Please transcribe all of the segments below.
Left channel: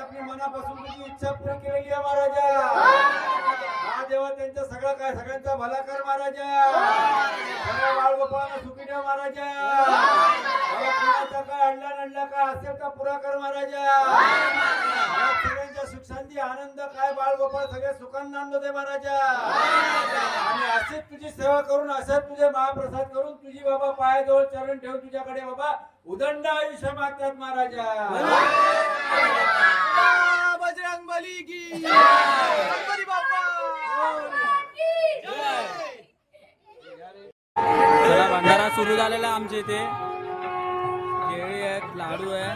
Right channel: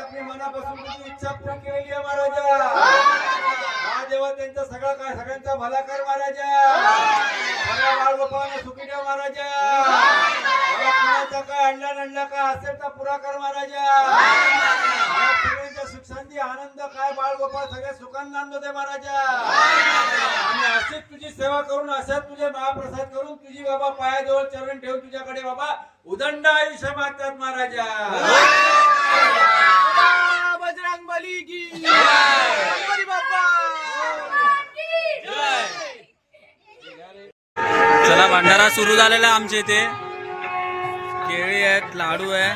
आपली मनापासून इच्छा पूर्ण केलेली आहे महाराजा. हा देवा त्यांचा सगळा काय सगळ्यांचा भला कर महाराजा. सगळ्या बाळगोपाळांना सुखी ठेव महाराजा. कोणाचा काय अडला काय असेल तर पुरा कर महाराजा. या सगळ्यांच्या सुख शांती आनंद काय बाळगोपाळ सगळे सुखांना दे महाराजा. आणि असेच तुझी सेवा करून असंच तुझे महाप्रसाद करून तुझी बाबा पायाजवळ चरण ठेवून तुझ्याकडे बाबा उदंड आयुष्य मागतात महाराजा. बजरंग बली की गणपती बाप्पा. चला भंडारा सुरू झालेला आमच्या इथे. केळी आहेत, लाडू आहे,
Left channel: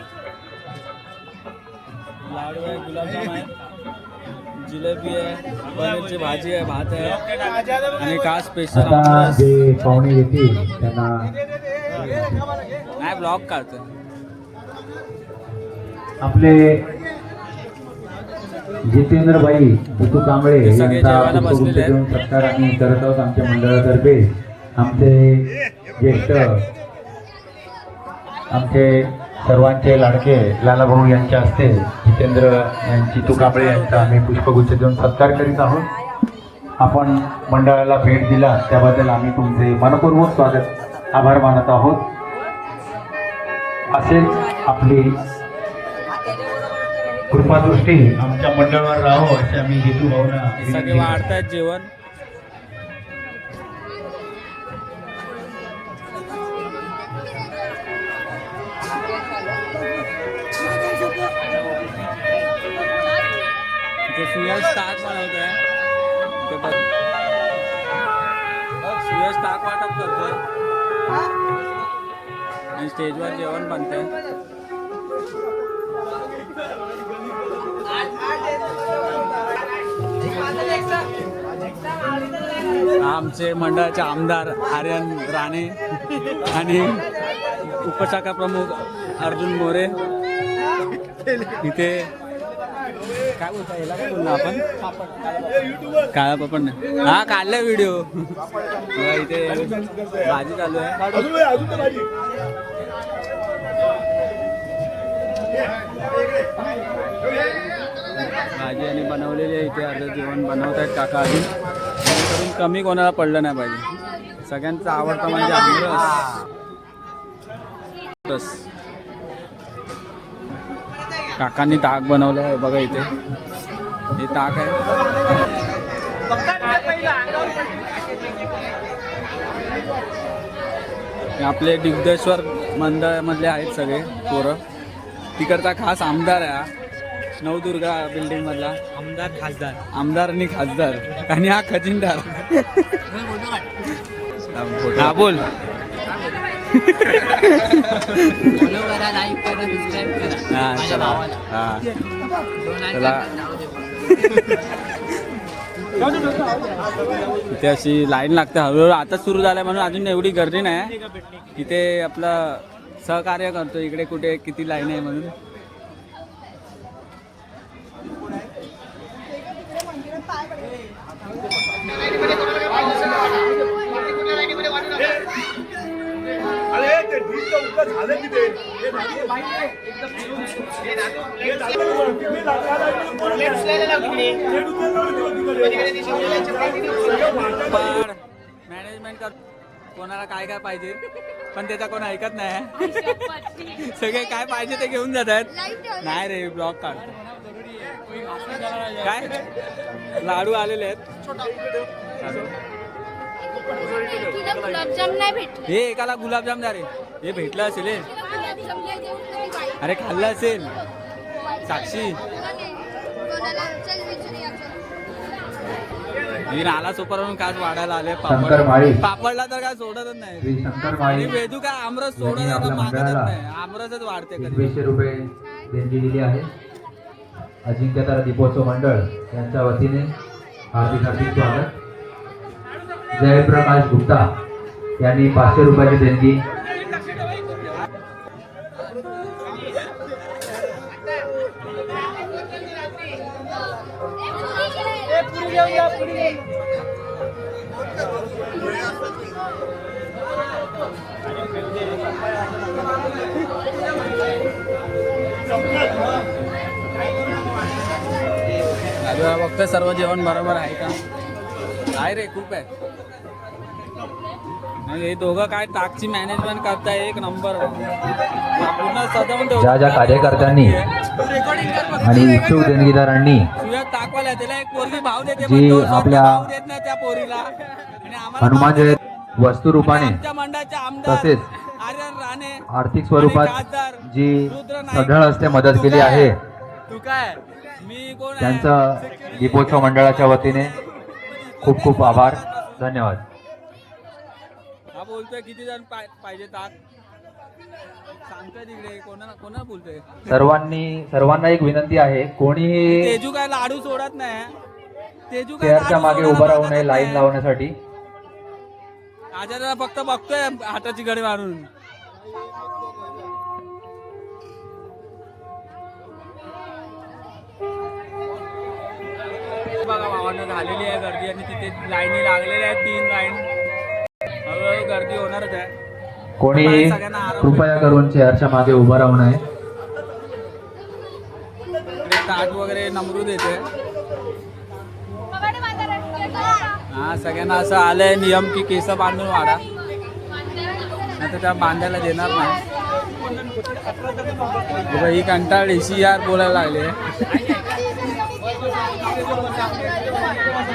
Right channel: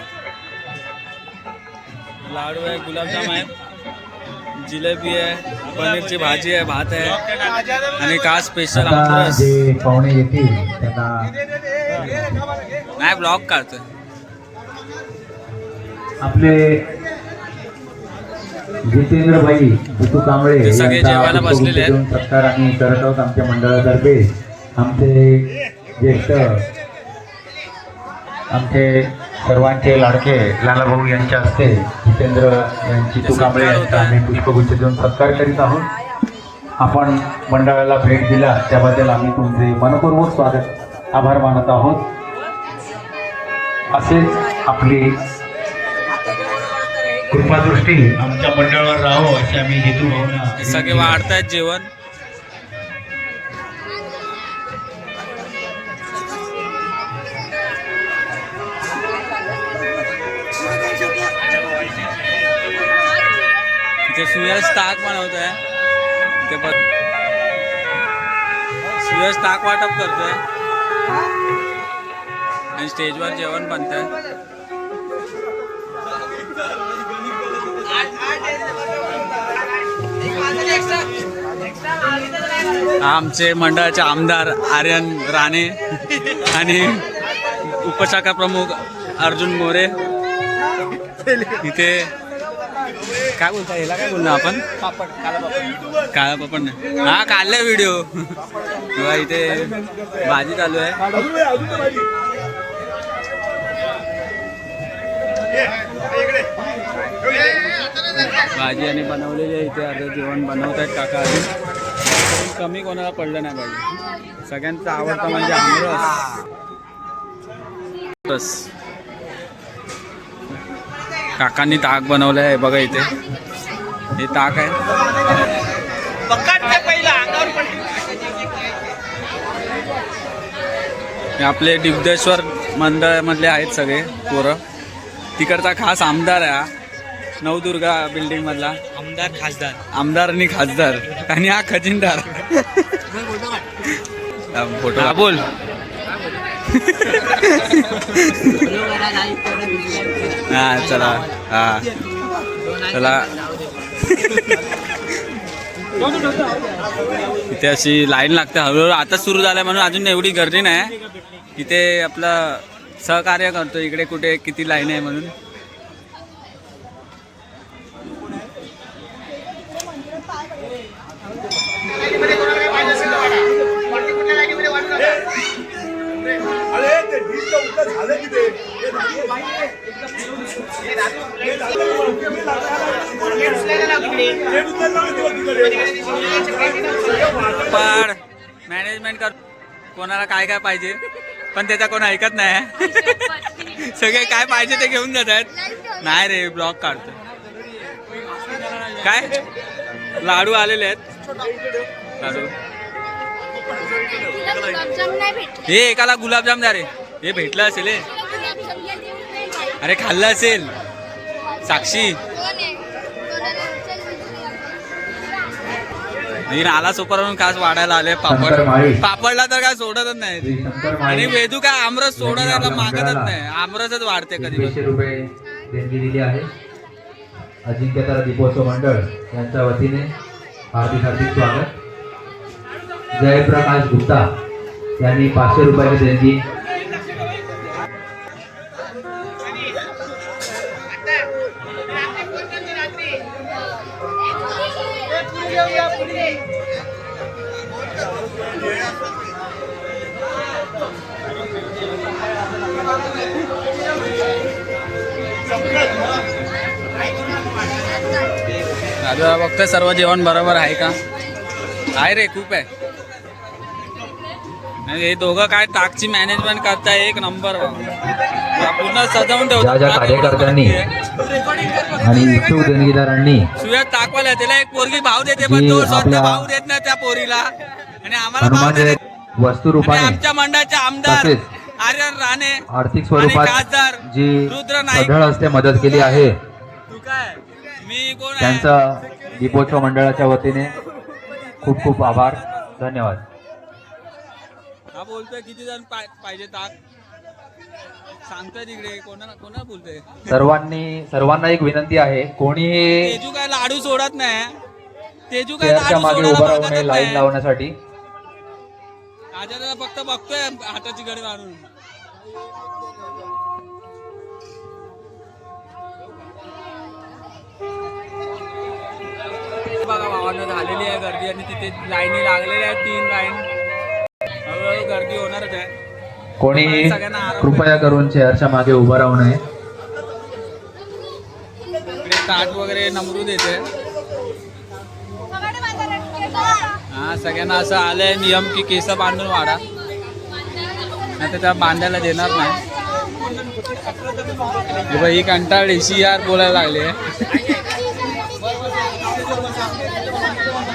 गुलाबजाम आहेत, जिलेबी आहे, पनीरची भाजी आहे, भात आहे आणि का स्पेशल पाहुणे येतील त्यांना नाही ब्लॉग काढतोय. आपले जितेंद्रभाई जितू कांबळे सगळे जेवायला बसलेले आहेत. सत्कार आम्ही करत आहोत आमच्या मंडळातर्फे. आमचे ज्येष्ठ आमचे सर्वांचे लाडके लालाभाऊ यांच्या हस्ते जितेंद्र यांची जितू कांबळे यांचा आम्ही पुष्पगुच्छ देऊन सत्कार करीत आहोत. आपण मंडळाला भेट दिला त्याबद्दल आम्ही तुमचे मनपूर्वक स्वागत आभार मानत आहोत. असेच आपली कृपादृष्टी आमच्या मंडळावर राहावं अशी आम्ही हेतू भावना. सगळे वाढतायत जेवण. इथे सुयश ताक बनवत आहे. इथे सुयश ताक वाटप करतोय आणि स्टेजवर जेवण बनतंय. आमचे मंडळाचे आमदार आर्यन राणे आणि उपशाखा प्रमुख अर्जुन मोरे. इथे काय बोलता याला काय बोलणार आपण काळा पापड नाही हा काढलाय व्हिडिओ. इथे भाजी चालू आहे. भाजी आणि बनवलेली आहे. इथे अर्ध जेवण बनवत आहेत काका. अजून कमी कोणाला पडलं नाही पाहिजे. सगळ्यांचा आवडता म्हणजे आमरस. काकांनी ताक बनवलं आहे बघा. इथे हे ताक आहे. आपले डिब्देश्वर मंडळ मधले आहेत सगळे पोरं. तिकडचा खास आमदार आहे हा नवदुर्गा बिल्डिंग मधला. आमदार आणि खासदार आणि हा खजिनदार. हा बोल. हा चला हा चला. इथे अशी लाईन लागते हळूहळू. आता सुरू झालंय म्हणून अजून एवढी गर्दी नाही. इथे आपलं सहकार्य करतो इकडे कुठे किती लाईन आहे म्हणून. पण मॅनेजमेंट कर कोणाला काय काय पाहिजे पण त्याचा कोण ऐकत नाही. सगळे काय पाहिजे ते घेऊन जातात. नाही रे ब्लॉग काढतो. काय लाडू आलेले आहेत. लाडू हे एकाला गुलाबजाम द्या रे. हे भेटलं असेल हे. अरे खाल्लं असेल साक्षी. आला सुपरवरून खास वाढायला आले पापड. पापडला तर काय सोडतच नाही. आणि वेदू काय आमरस सोडत मागतच नाही. आमरसच वाढते कधी. 200 रुपये देणगी दिली आहे. अजिंक्यतारा दीपोत्सव मंडळ यांच्या वतीने हार्दिक हार्दिक स्वागत. जयप्रकाश गुप्ता यांनी 500 रुपयाची देणगी. आता बघतोय सर्व जेवण बरोबर आहे का. आहे रे खूप आहे. हे दोघं काय ताकची मॅनेजमेंट करताय एक नंबर. पूर्ण सजवून ठेवतो. ज्या कार्यकर्त्यांनी आणि इच्छुक देणगीदारांनी सुयत ताकवाला त्याला एक पोरगी भाव देते पण तो स्वतः भाव देत नाही त्या पोरीला. आणि आम्हाला भाव देते. वस्तू रूपाने आमच्या मंडळाचे आमदार आर्यन राणे आर्थिक स्वरूपात खासदार जी रुद्र नाईक सढळ हस्ते मदत केली आहे तू काय मी कोण आहे. त्यांचा दीपोत्सव मंडळाच्या वतीने खूप खूप आभार. धन्यवाद. हा बोलतोय किती जण पाहिजे ताक सांगतोय तिकडे. कोणाला बोलतोय. सर्वांना एक विनंती आहे. कोणीही तेजू काय लाडू सोडत नाही. तेजू काय चेअरच्या लाडू मागे उभं राहू नये लाईन लावण्यासाठी. आजाला फक्त बघतोय हाताची घडी मारून. बघा भावांना झालेली आहे गर्दी आणि तिथे लाईनी लागलेल्या आहेत 3 लाईन. हळूहळू गर्दी होणारच आहे. कोणीही कृपया करून चेअरच्या मागे उभं राहू नये. इकडे ताट वगैरे नमरू देते. हा सगळ्यांना असं आलंय नियम की केस बांधून वाढा नाही तर त्या बांधायला देणार नाही. ही कंटाळी यार बोलायला लागले.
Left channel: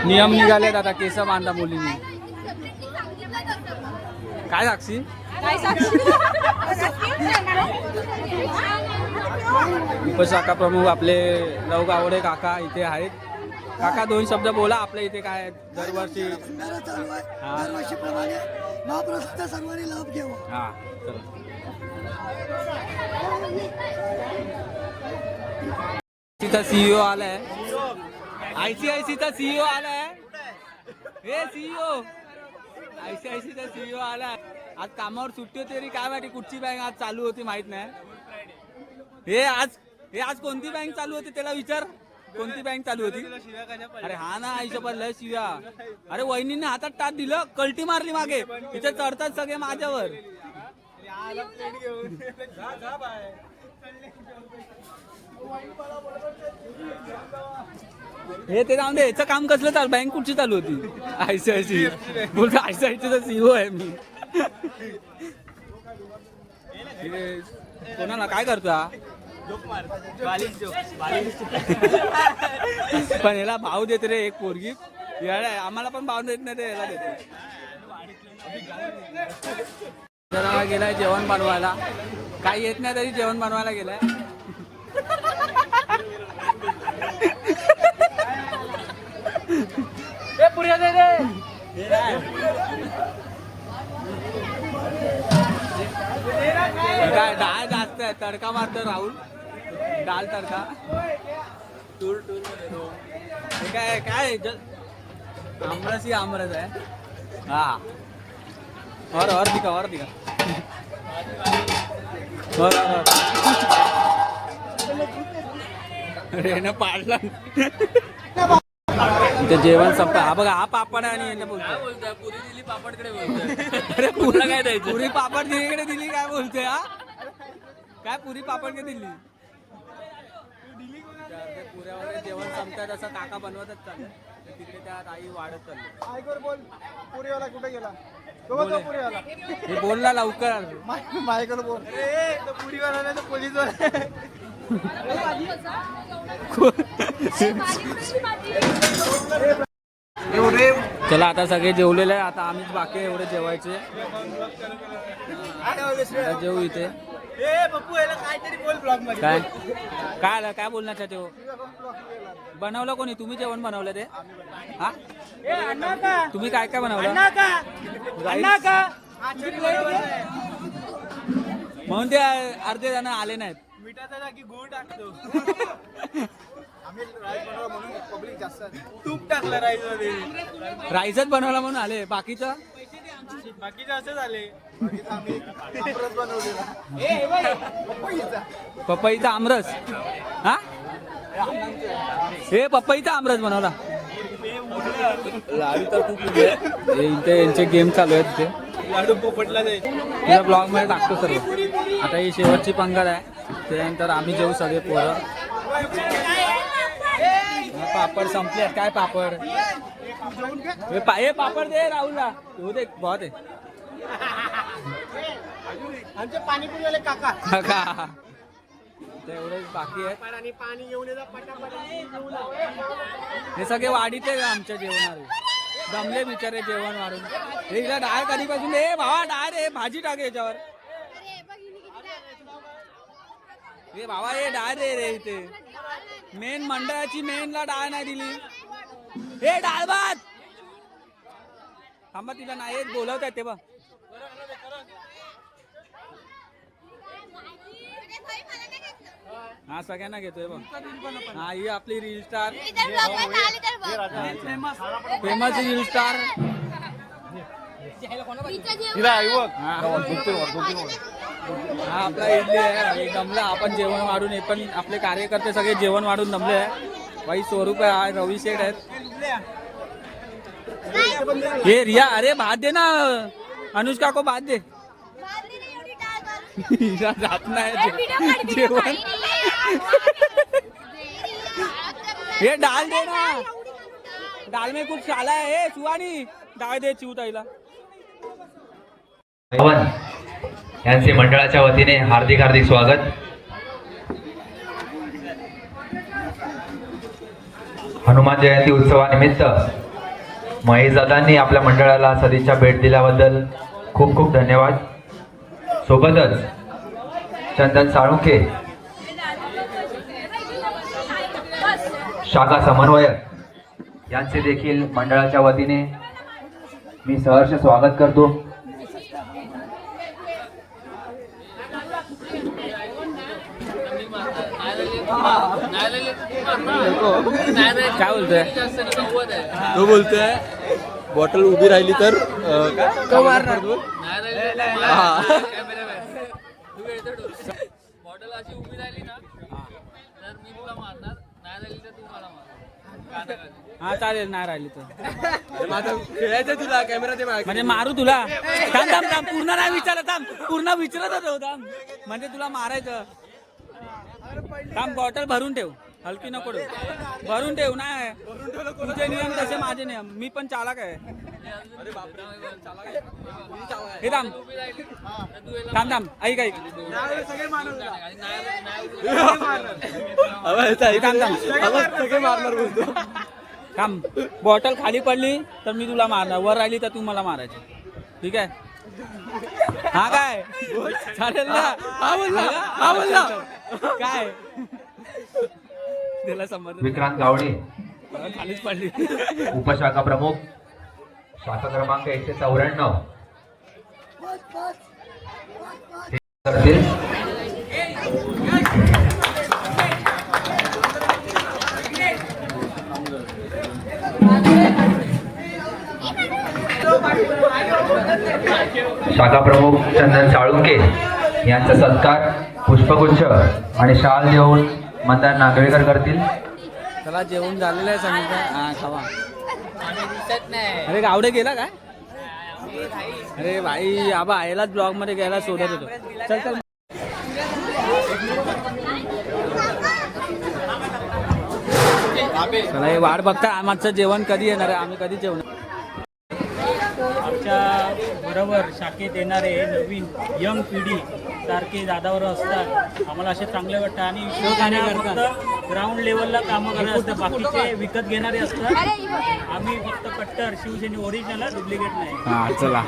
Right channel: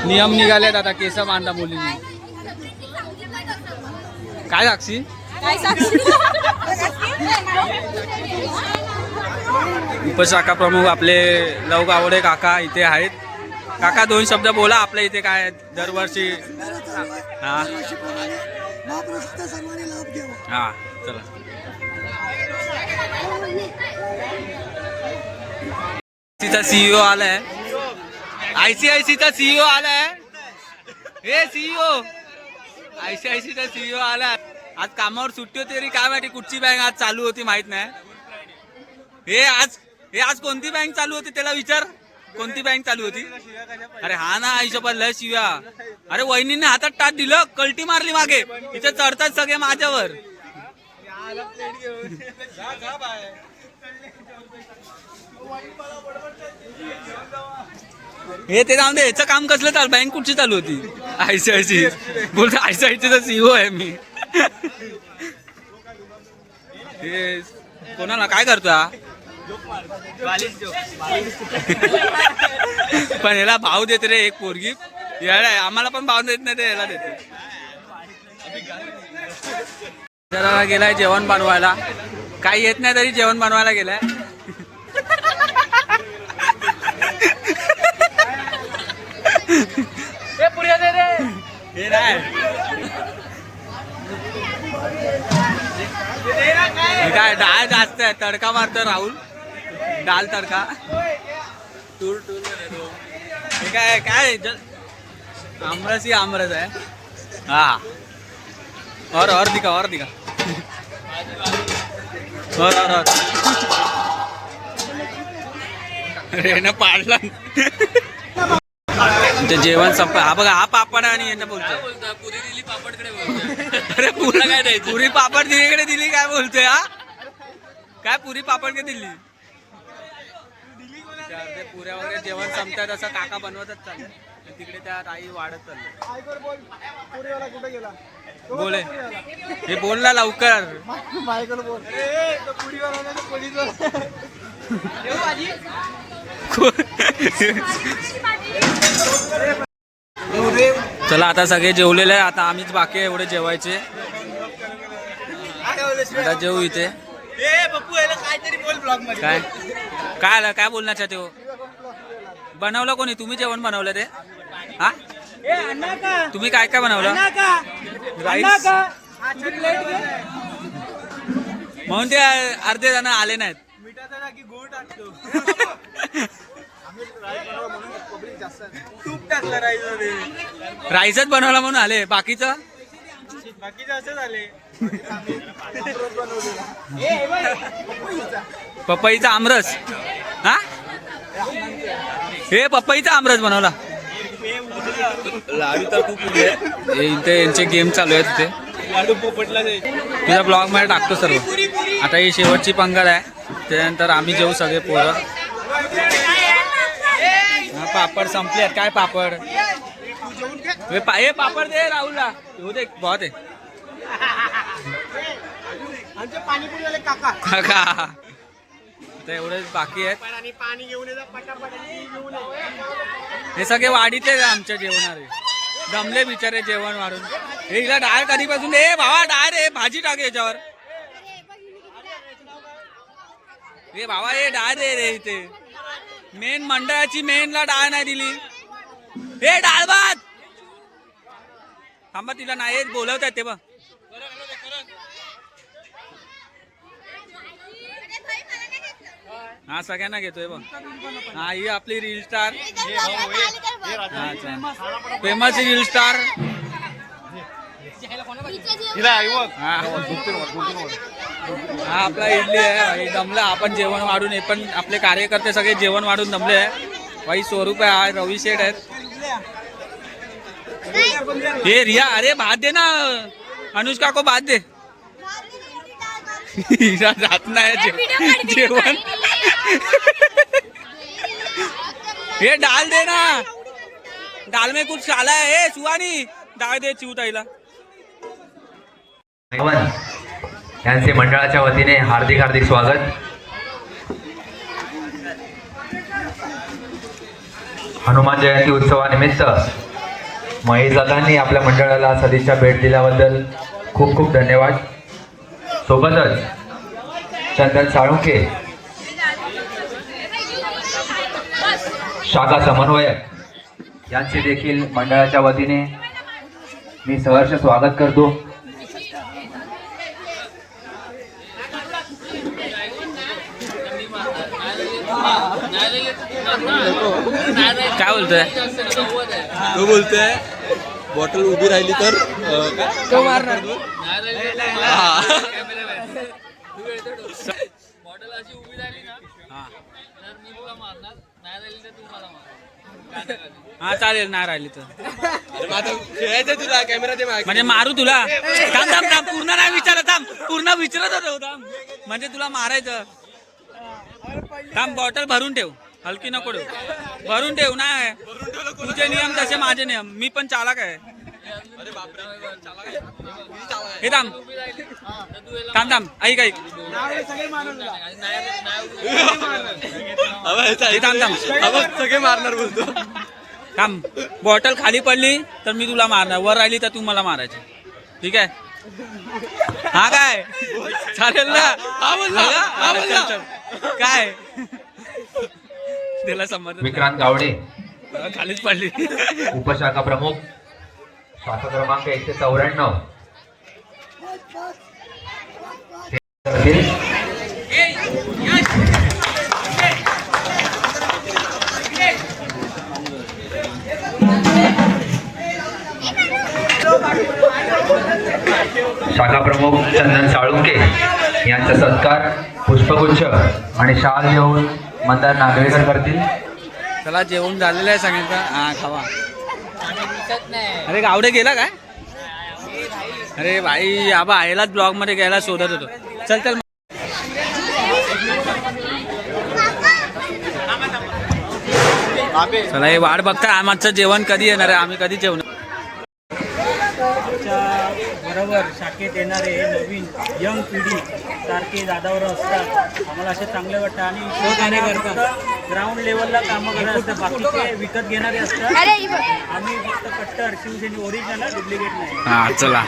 नियम निघालेत आता केस बांधा मुलींनी. काय साक्षी उपशाखा प्रमुख आपले लव गावडे काका इथे आहेत. काका 2 शब्द बोला. आपल्या इथे काय दरवर्षी हा हा चला. तिचा सीईओ आलाय. ICICचा सीईओ आलाय. हे सीईओ ICICचा सीईओ आलाय. आज कामावर सुट्टी होती तरी काय माहिती कुठची बँक आज चालू होती माहित नाही. हे आज कोणती बँक चालू होती त्याला विचार. कोणती बँक चालू होती. अरे हा ना हिशोबात लय शिव्या. अरे वहिनीने हातात टाट दिलं कल्टी मारली मागे. इथे चढतात सगळे माझ्यावर. हे ते जाऊन दे. याचं काम कसलं चालू. बँक कुठची चालू होती. ICIC बोलतो. ICICचा सीईओ आहे मी. हे कोणाला काय करतो. पण याला भाव देते रे एक पोरगी. याला आम्हाला पण भाव देत नाही ते याला देते. त्याला गेलाय जेवण बनवायला. काही येत नाही तरी जेवण बनवायला गेलाय. हे नाही काय डाळ जास्त आहे. तडका मारतो राहुल. डाल तडका. हे काय काय आमरस ही आमरस आहे. हा और दिखा और रेनं पाडला. ते जेवण संप. हा बघा हा पापड आणि यांना बोलतोय. अरे पुरी पापड दिलीकडे दिली काय बोलतोय. हा काय पुरी पापड के दिली ते पुऱ्या वगैरे जेवण संपतात असं काका बनवतच चालले तिकडे त्या आई वाढत चालले कुठे गेला बोले हे बोल ना लवकर माझ्याकडे बोल तो पुरीवाला नाही तो पोलीसवाला चला आता सगळे जेवलेले आहे आता आम्हीच बाकी आहे एवढे जेवायचे आता जेवू इथे काय काय आलं काय बोलणार चाहते हो बनवलं कोणी तुम्ही जेवण बनवलं ते हा तुम्ही काय काय बनवलं राईस म्हणून ते अर्धे जण आले नाहीत तूप टाकलं राईस राईसच बनवला म्हणून आले बाकीचं बाकीचे असेच आले पपईचा आमरस हा हे पपईचा आमरस बनवला लाडू तर खूप इथे यांचे गेम चालू आहेत तिथे लाडू पोपटला नाही तुझ्या ब्लॉग मध्ये टाकतो सर्व आता ही शेवटची पंगत आहे त्यानंतर आम्ही जेवू सगळे पोरं पापड संपले आहेत काय पापड हे पापड दे राहुलला हो दे बहुत आहे पाणीपुरी काका काका आता एवढे बाकी आहेत आणि पाणी घेऊन येतात पटापट घेऊन हे सगळे वाढीचे आमच्या जेवणारे दमले बिचारे जेवण वाढून हे हिला डाळ कधीपासून ए भावा डाळ रे भाजी टाक याच्यावर हे भावा हे डाळ रे रे इथे मेन मंडळाची मेनला डाळ नाही दिली हे डाळ भात थांबा तिला नाही बोलवत आहेत ते बघ हा सगळ्यांना घेतोय बघ हा ही आपली reel star famous reel star हा आपला इडली आहे दमला आपण जेवण वाढून हे पण आपले कार्यकर्ते सगळे जेवण वाढून दमले आहे भाई स्वरूप आहे रवी शेठ आहेत हे रिया अरे भात दे ना अनुष्का को भात दे जात नाही जेवण ये डाल दे ना डाल में कुछ डाला है सुहानी डाळ दे चिवताईला यांचे मंडळाच्या वतीने हार्दिक हार्दिक स्वागत हनुमान जयंती उत्सवानिमित्त महेश दादांनी आपल्या मंडळाला सदिच्छा भेट दिल्याबद्दल खूप खूप धन्यवाद सोबतच चंदन साळुंके शाखा समन्वयक यांचे देखील मंडळाच्या वतीने मी सहर्ष स्वागत करतो काय बोलतोय तो बोलतोय बॉटल उभी राहिली तर तो मारणार बॉटल अशी उभी राहिली ना तर मी तुला मारणार नाही राहिली तर तू मला मार हा चालेल नाही राहिली तर खेळायचं तुला कॅमेरा ते म्हणजे मारू तुला थांब थांब थांब पूर्ण नाही विचारत थांब पूर्ण विचारत होतो थांब म्हणजे तुला मारायचं थांब बॉटल भरून ठेव हलकी नको ठेव भरून ठेव नाही तुझे नियम तसे माझे नियम मी पण चालक आहे हे थांब थांब थांब ऐक ऐक हे थांब थांब सगळे मारणार बोलतो थांब बॉटल खाली पडली तर मी तुला मारणार वर राहिली तर तू मला मारायची ठीक आहे हा काय चालेल ना चल चल काय त्याला समज विक्रांत गावडे खालीच पडली उपशाखा प्रमुख शाखा क्रमांक 194 शाखा प्रमुख चंदन साळुंके यांचा सत्कार पुष्पगुच्छ आणि शाल देऊन मंदार नागवेकर करतील. त्याला जेवण झालेलं आहे सांगितलं हा खावा अरे गावडे गेला काय अरे भाई आबा आयलाच ब्लॉग मध्ये गेला शोधत होतो चल चल चला हे वाट बघता आमचं जेवण कधी येणार आहे, आम्ही कधी जेवणार. आमच्या बरोबर शाखेत येणारे नवीन यंग पिढी सारखे दादावर असतात. आम्हाला असे चांगले वाटतं आणि फक्त ग्राउंड लेवलला कामं करत असतात, बाकीचे विकत घेणारे असतात. आम्ही फक्त कट्टर शिवसेने ओरिजिनल, डुप्लिकेट नाही. हा चला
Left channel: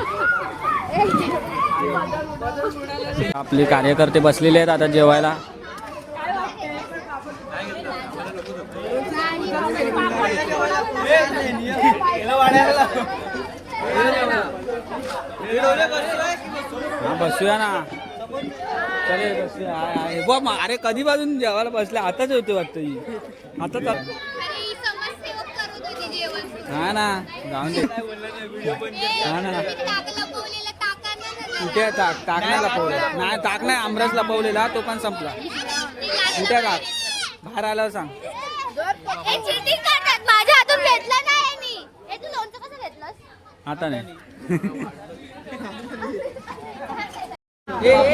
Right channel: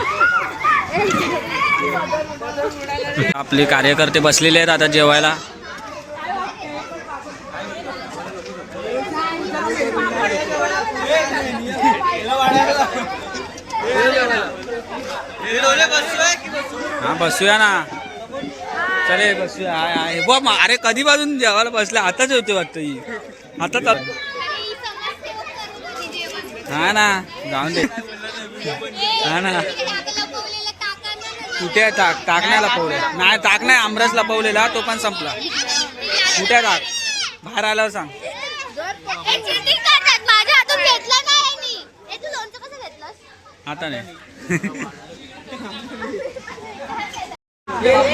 आपले कार्यकर्ते बसलेले आहेत आता जेवायला. हा बसूया ना, चले बसूया. आहे बघ अरे कधीपासून जेवायला बसले, आताच होते वाटतं ही आता. हा ना जाऊन दे. हा ना कुठे ताक नाही लपवले, नाही ताक नाही, आमरस लपवलेला तो पण संपला. कुठे ताक बाहेर आल्यावर सांग. आता नाही.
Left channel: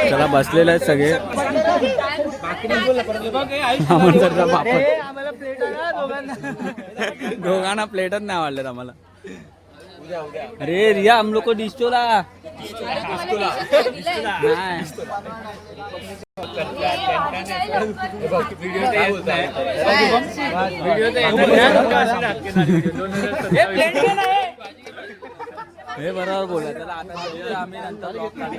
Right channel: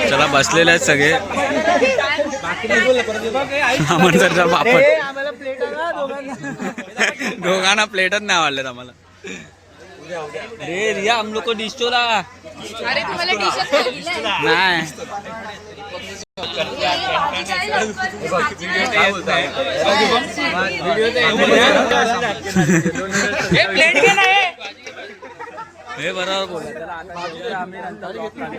चला बसलेले आहेत सगळे. आमंत्रणचा पापड दोघांना प्लेटच नाही आवडलेत आम्हाला. अरे रिया हम लोग को डिस्टोला नाही. हे बरोबर बोला. त्याला आता जेवतो आम्ही, नंतर ब्लॉग काढू.